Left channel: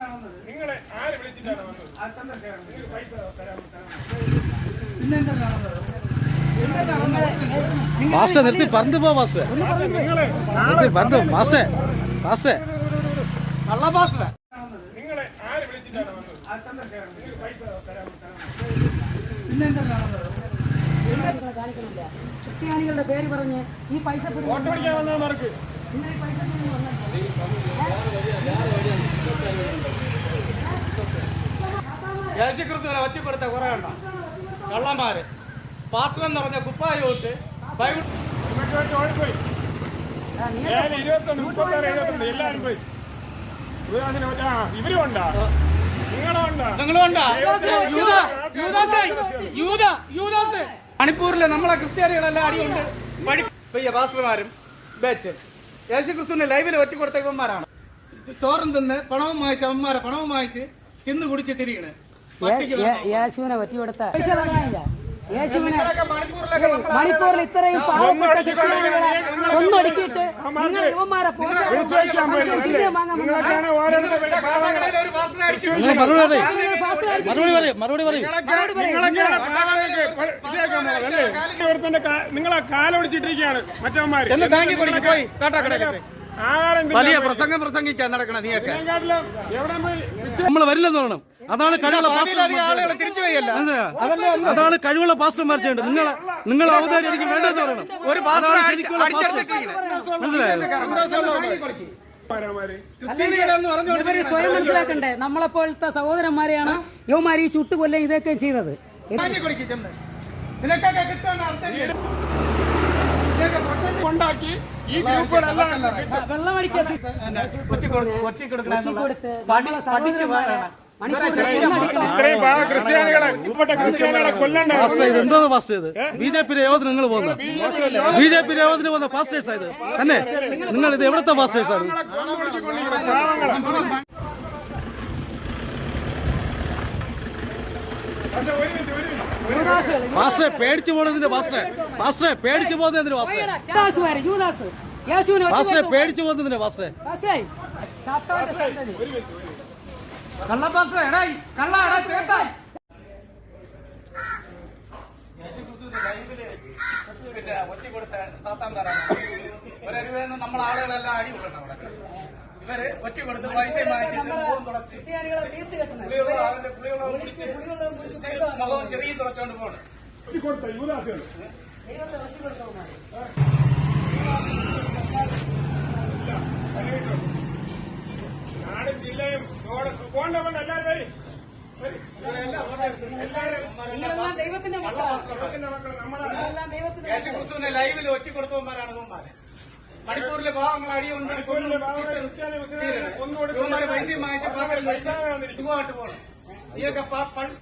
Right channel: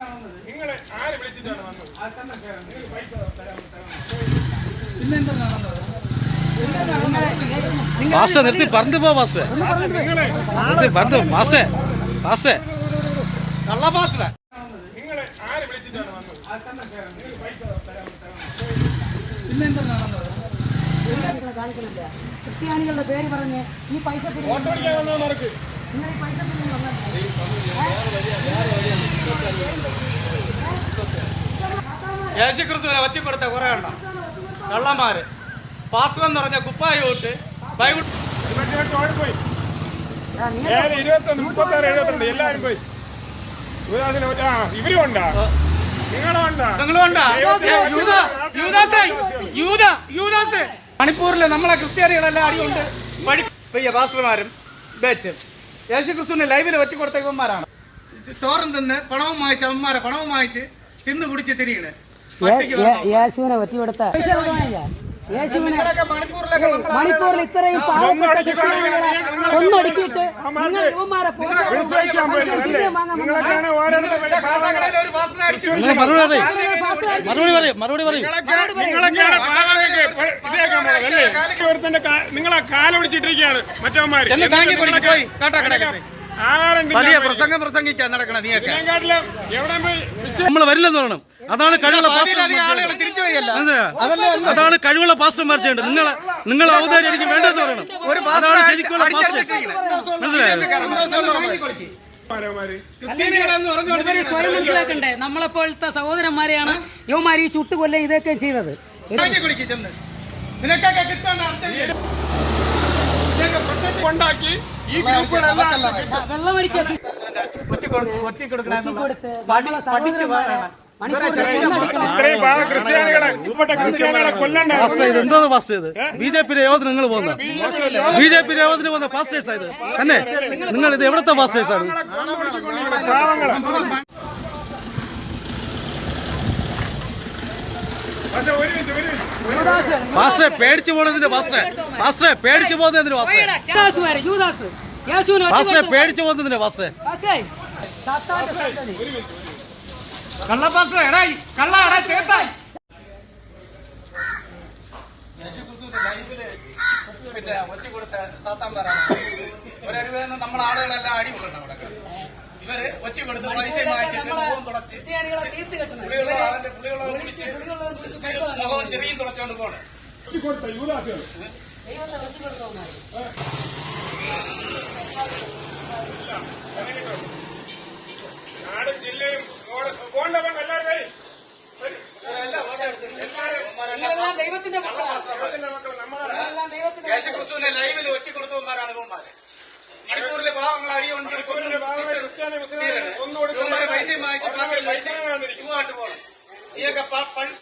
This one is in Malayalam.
നിങ്ങളെ ആര് വിളിച്ചിട്ടാണ് വന്നത്? പൈസ മാസ്റ്റർ നിർത്തി പറഞ്ഞു പോ മാസ്റ്റർ പറഞ്ഞു മാസ്റ്റേ മാസ്റ്റേ കള്ള മാസ്റ്റർ നിങ്ങളെ ആര് വിളിച്ചിട്ടാണ് വന്നത്? പൈസ ക്രിസ്ത്യാനികളുടെ പേര് പറഞ്ഞ് ഈ പൈസ യേശുക്രിസ്തുവിനെ ഒറ്റിക്കൊടുത്ത കുറെ ഉണ്ടോ കള്ളന്മാര് പാത്രം എന്ന് പറഞ്ഞ കുപ്പായി തൊട്ട് ബൈബിൾ ഓടിപ്പോയി. 21, 36, 72 എല്ലാവരും പോയി. ഇവരും ഉണ്ടാ മണിപ്പൂരിലെ നമ്മളെ ക്രിസ്ത്യാനികളെല്ലാം അടികൊണ്ട് പാസ്റ്റർമാരും ബേച്ച് യേശുക്രിസ്തുവിനെ ലൈവിൽ ഒറ്റിക്കൊടുത്തവന്മാരാണ്. ചോറും തിന്ന് പണവും വാങ്ങിച്ച് അവന്മാരെ പണവും വാങ്ങിച്ച് തിന്ന് കുടിച്ച് തിരികണ്. യേശുവിനെ ഒറ്റിക്കൊടുത്ത മണിപ്പൂരിൽ ഇത്രയും ഒന്നടുക്കിയിട്ട് നിങ്ങൾ യുവന്മാരെ നിങ്ങളെ കാലൊടിച്ചിട്ടിരിക്കുകയാണ് മറ്റവന്മാര്. പ്രസംഗം പ്രസംഗിക്കാൻ നടക്കണം. നമ്മൾ വരില്ലെന്ന് പറയണം. അതാണ് കഴിവുള്ള അതാണ് കഴിവുള്ള പാസ്റ്റർമാർ ചെയ്യേണ്ടത്. നിങ്ങൾ അവതാരം എനിക്ക് വേണ്ടതെന്ന് പറയണം. അതാണ് ശരിക്കുള്ള പാസ്റ്റർ. മനസ്സിലായോ? സ്വയം മനസ്സിലാക്കണ്ടേ? നമ്മളെപ്പോലത്തെ സഹോദരന്മാരെയാണ് യുവമാര് ഈ ചുട്ടുകൊല്ല ഇതൊക്കെ ചെയ്തത്. ഉണ്ടാക്കി ഈ ഗ്രൂപ്പുകളെല്ലാം വെള്ളമടിച്ച് ഇതെന്താണ് പാസ്റ്റർ ഇത്? ബി.ജെ.പി. യോഗത്തിന് നിങ്ങൾ പോകുന്ന ബി.ജെ.പി. യോഗത്തിന് പോകുന്ന പാസ്റ്റേഴ്സാ ഇത് തന്നെ? നിങ്ങൾ ഇത് എവിടത്തെ പാസ്റ്റേഴ്സാണ്? പാസ്റ്ററെ പേടിച്ചു പോകുന്നതിന്റെ പാസ്റ്ററെ പേടിച്ചു പോകുന്നതിന് പാസ്റ്ററെ പേടിച്ചു പോകുന്നതിന്റെ പാസ്റ്ററെ നമ്മളെ ആളുകളെല്ലാം അടി കൊള്ളണം. അവിടെ ഇവര് ഒറ്റ കൊടുത്ത് പൈസ മുഖവും ചെറിയ തുടച്ചുകൊണ്ട് പോകണം. ജില്ലയും പോണ്ട ദൈവത്തിന്റെ യേശുക്രിസ്തുവിനെ ലൈവിൽ ഒറ്റ കൊടുത്തവന്മാരാണ് ഇവന്മാര്. മണിപ്പൂരിലെ പാവങ്ങൾ അടിയുണ്ട് പൈസ വാങ്ങിച്ച് പോകണം. ഈയൊക്കെ